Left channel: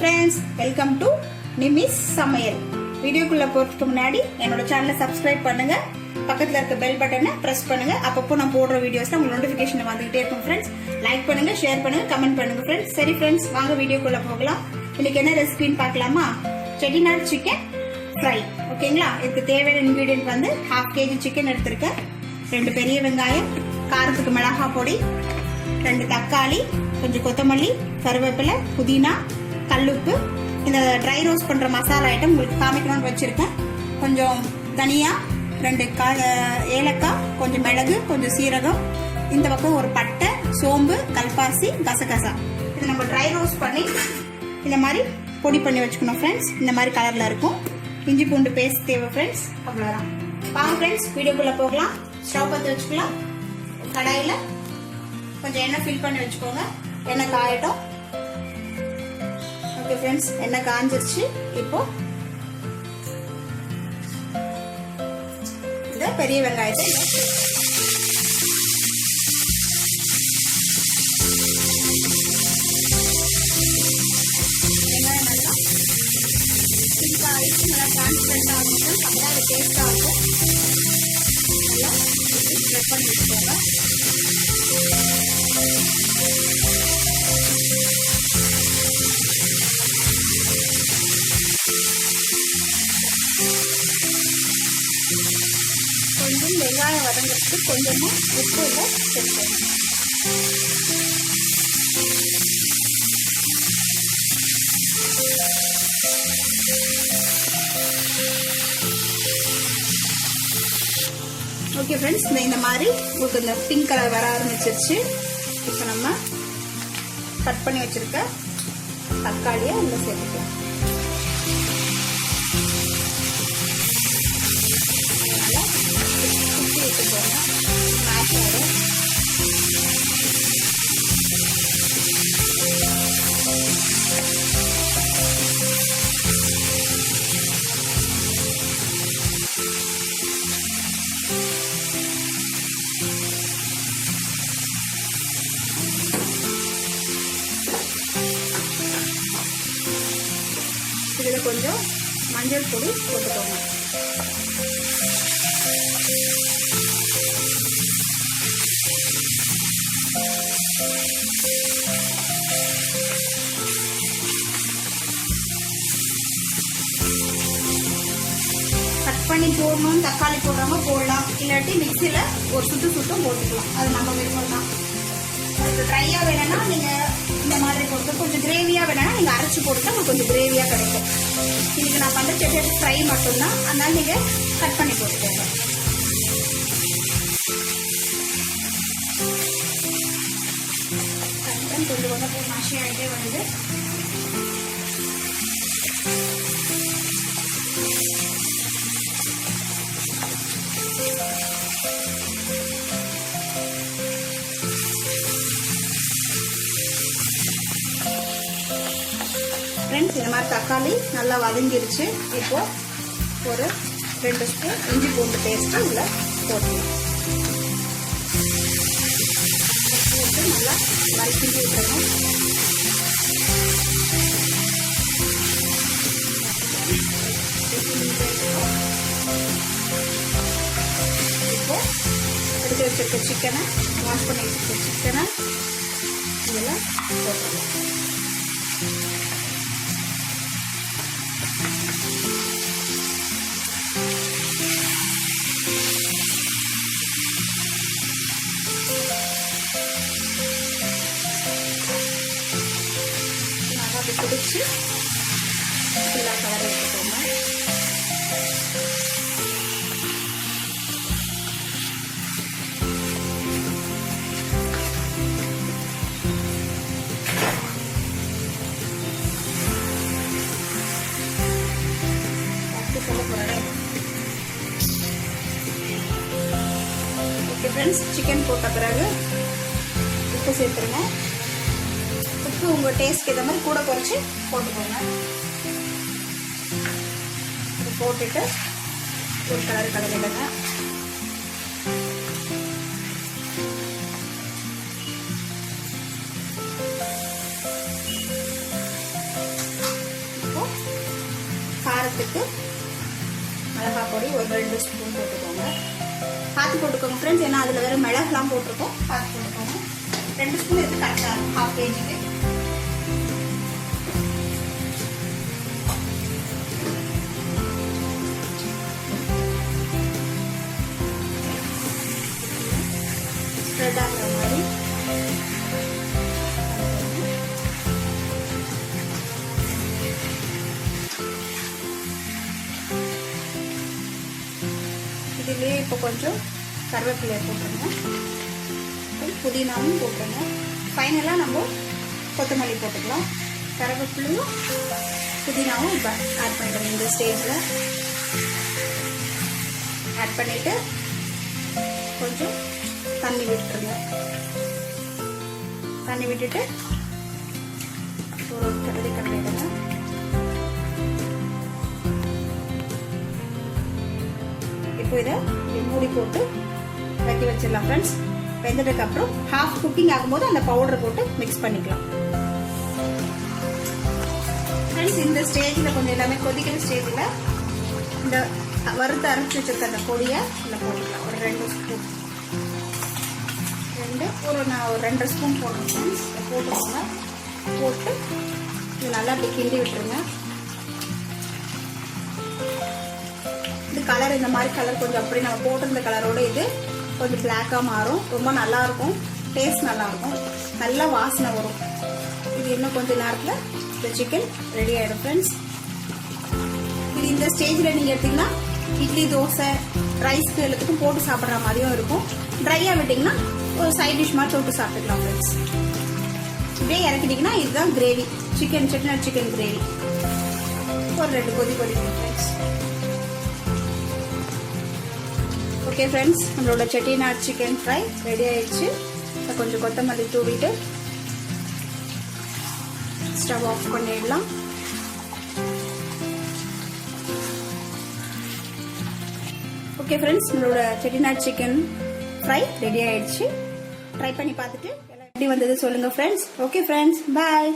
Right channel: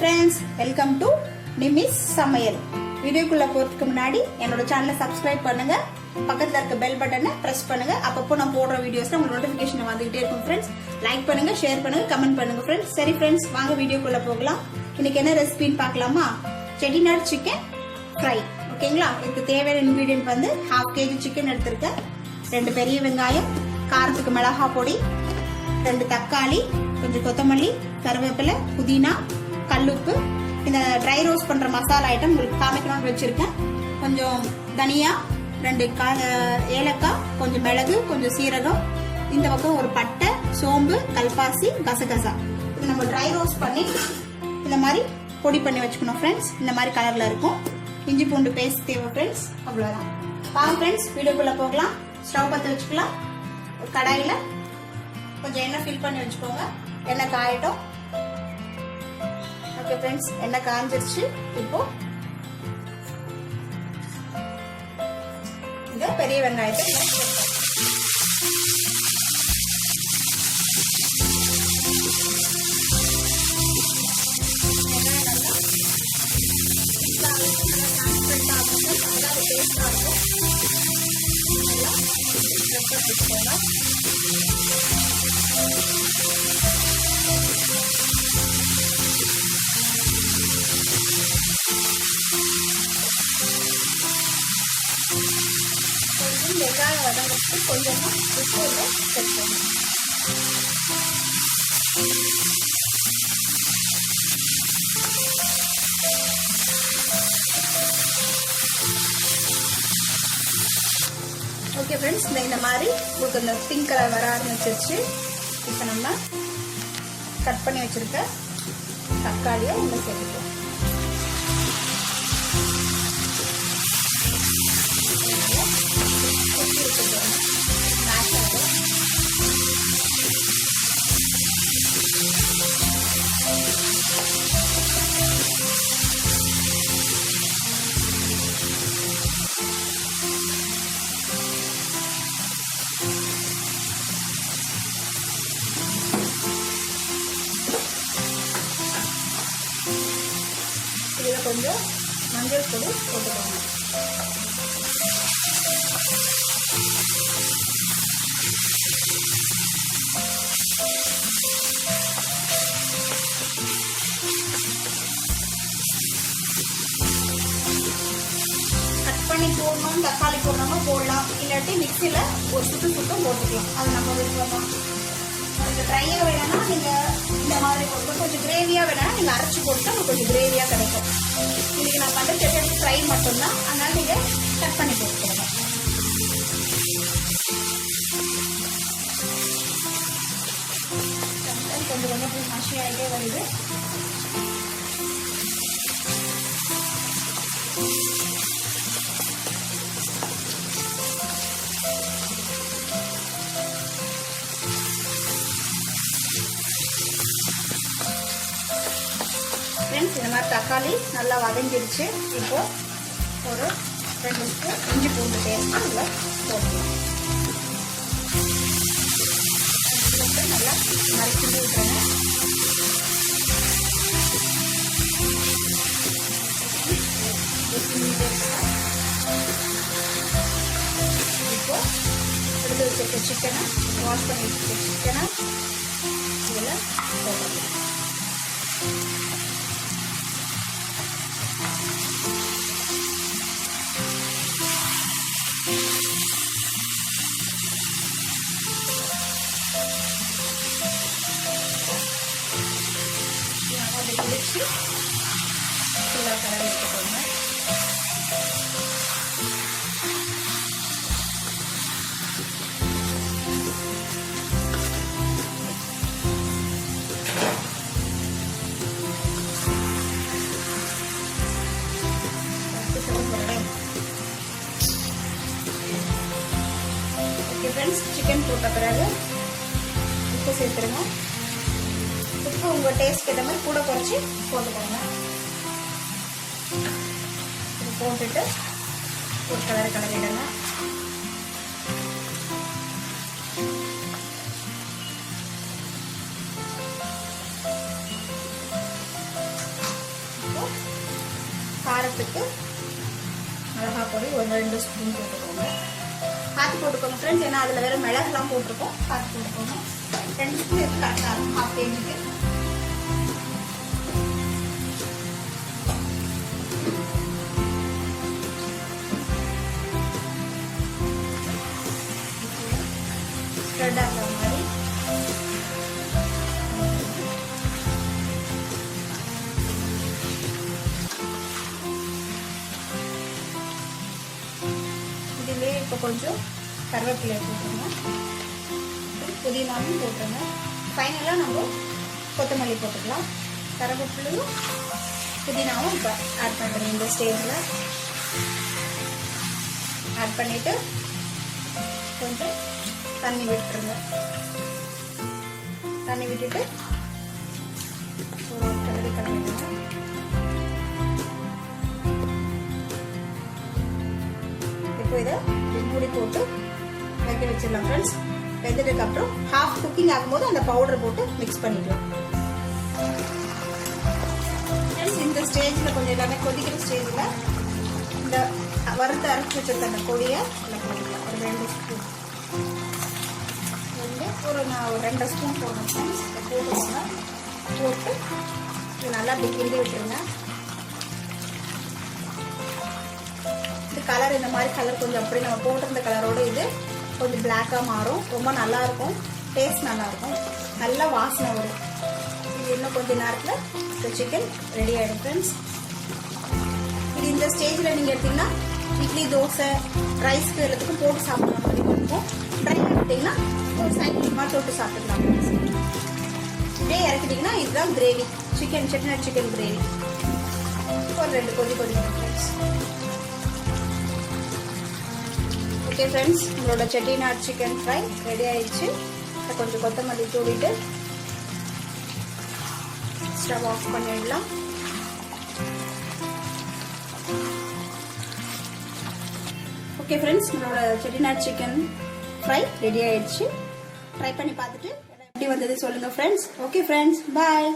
friends, welcome to நிமிஸ் சமையல். வீடியோக்குள்ள போறதுக்கு முன்னாடி என்னோட சேனலை சப்ஸ்கிரைப் பண்ணுங்க, பக்கத்துல இருக்க பெல் பட்டனை பிரஸ் பண்ணுங்க. அப்பப்போ நான் போடுற வீடியோஸ்ல உங்களுக்கு நோட்டிபிகேஷன் வந்துகிட்டே இருக்கும் ஃப்ரெண்ட்ஸ். லைக் பண்ணுங்க, ஷேர் பண்ணுங்க, கமெண்ட் பண்ணுங்க ஃப்ரெண்ட்ஸ். சரி ஃப்ரெண்ட்ஸ், வாங்க வீடியோக்குள்ள போகலாம். இன்னைக்கு என்ன ரெசிபின்னு பார்க்கலாமா? Chettinad chicken fry. ஓகேங்களா? இதுக்கு தேவையான இன்கிரீடியன்ட் வந்து 1/2 kg சிக்கன் எடுத்திருக்கேன், 2 பெரிய வெங்காயம், காரத்துக்கு மிளகாய் பொடி, 2 தக்காளி, கொஞ்சம் கொத்தமல்லி, கருவேப்பிலை, புதினா, கல்லுப்பு. இந்த ட்ரை ரோஸ்ட் பண்ற மசாலா ஐட்டம் உங்களுக்கு காமிக்கணும்னு வச்சிருக்கேன். கொஞ்சம் தனியா, 2 ஏலக்காய், கொஞ்சம் மிளகு, கொஞ்சம் சீரகம், இந்த பக்கம் ஒரு பட்டை, சோம்பு, கல்பாசி, கசகசா. இது நம்ம ட்ரை ரோஸ்ட் பண்ணி இந்த மாதிரி பொடி பண்ணி வச்சுக்கணும் ஃப்ரெண்ட்ஸ். இந்த மாதிரி கலர்ல இருக்கும். இஞ்சி பூண்டு பேஸ்ட் தேவை ஃப்ரெண்ட்ஸ். அவ்வளோதான். வாங்க ஃப்ரெண்ட்ஸ், வீடியோக்குள்ள போகலாம். ஸ்டவ் பற்ற வச்சுக்கலாம். கடாயில கொஞ்சம் எண்ணெய் ஃபில் பண்ணி வச்சுக்கோங்க. எண்ணெய் காயட்டும். ஓகே ஃப்ரெண்ட்ஸ், எண்ணெய் காஞ்சிருச்சு. இப்போ இந்த பெரிய வெங்காயத்தை வெங்காயம் நல்லா பிங்க் ஆகிட்டு நல்லா டிரான்ஸ்பரண்ட் ஆகும். அப்பதான் அது டேஸ்டாக இருக்கும். நல்லா ஸ்ப்ரெட் பண்ணி வச்சுக்கோங்க. கொஞ்சம் வெங்காயம் வதங்கிறதுக்கு கொஞ்சமா உப்பு சேர்த்துக்கோங்க. ஓகே ஃப்ரெண்ட்ஸ், இந்த மாதிரி உங்களுக்கு இந்த பிங்க் கலர் வர ஆரம்பிச்சிருச்சு. இப்போ நம்ம கட் பண்ணி வச்சிருக்க தக்காளியை உள்ள சேர்த்துக்கலாம். சுற்றி வச்சுக்கோங்க, மேஷ் ஆகிடும். இதில் கொஞ்சம் மஞ்சள் பொடி போட்டுக்கோங்க. கட் பண்ணி போடணும், தக்காளி போடுறோமோ போடலாம், இல்லாட்டி மிக்சியில் ஒரு சுத்தம் போட்டுக்கலாம். அது நம்ம விருப்பம் தான். உங்களுக்கு ட்ரையாக வேணும்னா நீங்கள் இந்த மாதிரி போட்டு, கொஞ்சம் கிரேவியாக வேணும்னா நீங்கள் அரைச்சி போட்டுட்டா உங்களுக்கு கொஞ்சம் கிரேவியாக கிடைக்கும். இன்னைக்கு நான் பண்ணுறது ஃப்ரை மட்டும்தான், அதனால நீங்கள் கட் பண்ணி போட்டுக்கோங்க. கொஞ்சம் கொஞ்சம் மஷி ஆகிட்டே வருது. ஃப்ரெண்ட்ஸ், இந்த மாதிரி தக்காளி நல்லா வதங்கிருச்சு. இப்போ ஒரு 2 ஸ்பூன் இஞ்சி பூண்டு பேஸ்ட்டு இதில் போட்டுக்கலாம். நல்லா நறுக்கி விட்டுறணும். இப்போ எடுத்து வச்சிருக்க சிக்கனை, வாஷ் பண்ணி வச்சிருக்க சிக்கனை இதில் போட்டுடலாம். பிடிச்சி ஃபுல்லாக கலர் எடுத்துக்கோங்க. ஓகே ஃப்ரெண்ட்ஸ், சிக்கன் போட்ட பிறகு உப்பு சேர்த்துருங்க. உப்பு உங்கள் டேஸ்ட்க்கு ஏற்ற மாதிரி கூட குறைச்சி போட்டுக்கோங்க. இது போட்டுட்டு ஒரு கலர் கலரிடுங்க. காரத்துக்கு மிளகாய் பொடி ஒரு 2 ஸ்பூன் போட்டுக்கோங்க. பார்த்து போட்டுக்கோங்க ஃப்ரெண்ட்ஸ், ஏன்னா அதில் வேறு மிளகுலாம் போட்டிருக்கோம். பார்த்து போட்டுக்கோங்க. 2 ஸ்பூன் எடுத்து கரெக்டாக இருக்கும் 1/2 kgக்கு. ஸ்ப்ரெட் ஆகிற மாதிரி இதிலே இப்போ கொஞ்சம் கருவேப்பிலையை போட்டுருங்க, புதினாவும் போட்டுருங்க. ஃபைனலாக நம்ம கொத்தமல்லி போட்டுக்கலாம். கருவேப்பிலையும் புதினாவும் இப்போ ஆட் பண்ணுறோம். இந்த ஸ்டேஜில் ஆட் பண்ணிவிட்டு கொஞ்சம் தண்ணி விட்டுருங்க. தண்ணி விட்டுட்டு கரடி கலந்துடுங்க. இப்போ இதை மூடி போட்டு வைக்க வச்சிடலாம் ஃப்ரெண்ட்ஸ். வெந்ததுக்கு அப்புறம் ஹாஃப் குக்கிங் ஆகும்போது அந்த பவுடர் போட்டு மிக்ஸ் பண்ணிக்கலாம் ஃப்ரெண்ட்ஸ். இந்த ஸ்டேஜில் கொஞ்சம் எல்லாமே கொதிக்கிற ஸ்டேஜில் இந்த வறுத்து அரைச்சி வச்சிருக்க அந்த பொடியை இல்லை போட்டுக்கலாம். ஒரு 2 ஸ்பூன் நான் ஒரு 2 ஸ்பூன் போடணும் ஃப்ரெண்ட்ஸ். போட்டுக்கோங்க. போட்டு இது நல்லா இப்படி கிண்டி விட்டுருங்க. இது கலர் இந்த மாதிரி கலர் கொஞ்சம் அப்படி நம்ம போட்டிருந்த கலரோட இது கொஞ்சம் பிளாக்காக மாறும். ரொம்ப நல்லாயிருக்கும், டேஸ்ட் நல்லாயிருக்கும், நல்லா வாசனை வரும். இது இன்னும் கொஞ்சம் நேரத்தில் இந்த சிக்கன் ரெடி ஆகிடும் ஃப்ரெண்ட்ஸ். இது இந்த ஸ்டேஜில் நீங்கள் எடுத்திங்கன்னா இட்லி, தோசை, ரைஸ்க்கு எல்லாத்துக்கும் போட்டு சாப்பிட்ற மாதிரியும் இருக்கும். ட்ரையாக விட்டிங்கன்னா ஒரு சைட் டிஷ் மாதிரி தொட்டு சாப்பிட்டுக்கலாம் ஃப்ரெண்ட்ஸ். இப்படியே இறக்கிட்டிங்கன்னா இதுதான் gravy, chicken Chettinad chicken gravy. ஒரு 2 கொதி கொதிக்கணும் ஃப்ரெண்ட்ஸ். ஓகே ஃப்ரெண்ட்ஸ், நம்மளோட செட்டிநாட் சிக்கன் ஃப்ரை ரெடி ஆயிடுச்சு. கொஞ்சம் கொத்தமல்லி தூவிட்டு ஸ்டவ் ஆஃப் பண்ணிடலாம். ஓகே ஃப்ரெண்ட்ஸ், நம்மளோட செட்டிநாட் சிக்கன் ஃப்ரை ரெடி ஆயிடுச்சு. ட்ரை பண்ணி பார்த்துட்டு எப்படி வந்தது சொல்லுங்கள் ஃப்ரெண்ட்ஸ். ஓகே ஃப்ரெண்ட்ஸ், பாய்.